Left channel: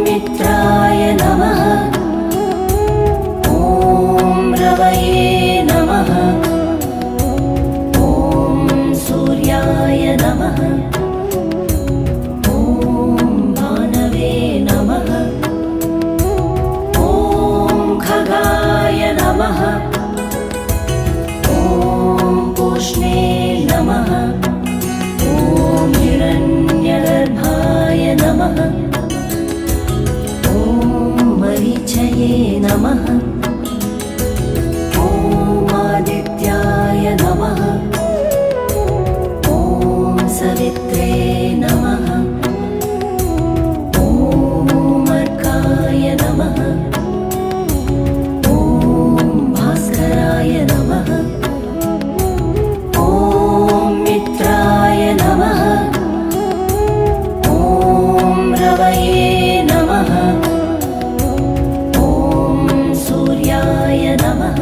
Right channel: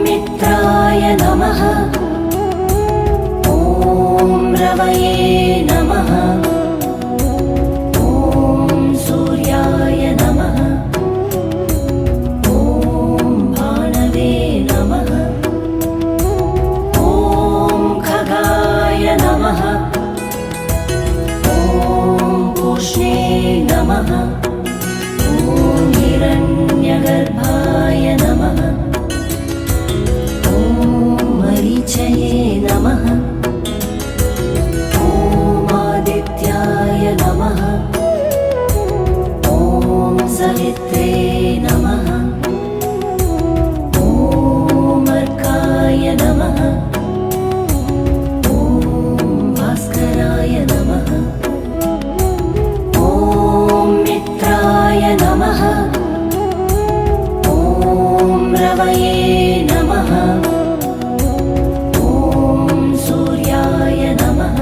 मित्राय नमः। ॐ रवये नमः। ॐ सूर्याय नमः। ॐ भानवे नमः। ॐ खगाय नमः। ॐ पूष्णे नमः। ॐ हिरण्यगर्भाय नमः। ॐ मरीचये नमः। ॐ आदित्याय नमः। ॐ सवित्रे नमः। ॐ अर्काय नमः। ॐ भास्कराय नमः। ॐ मित्राय नमः। ॐ रवये नमः। ॐ सूर्याय नमः।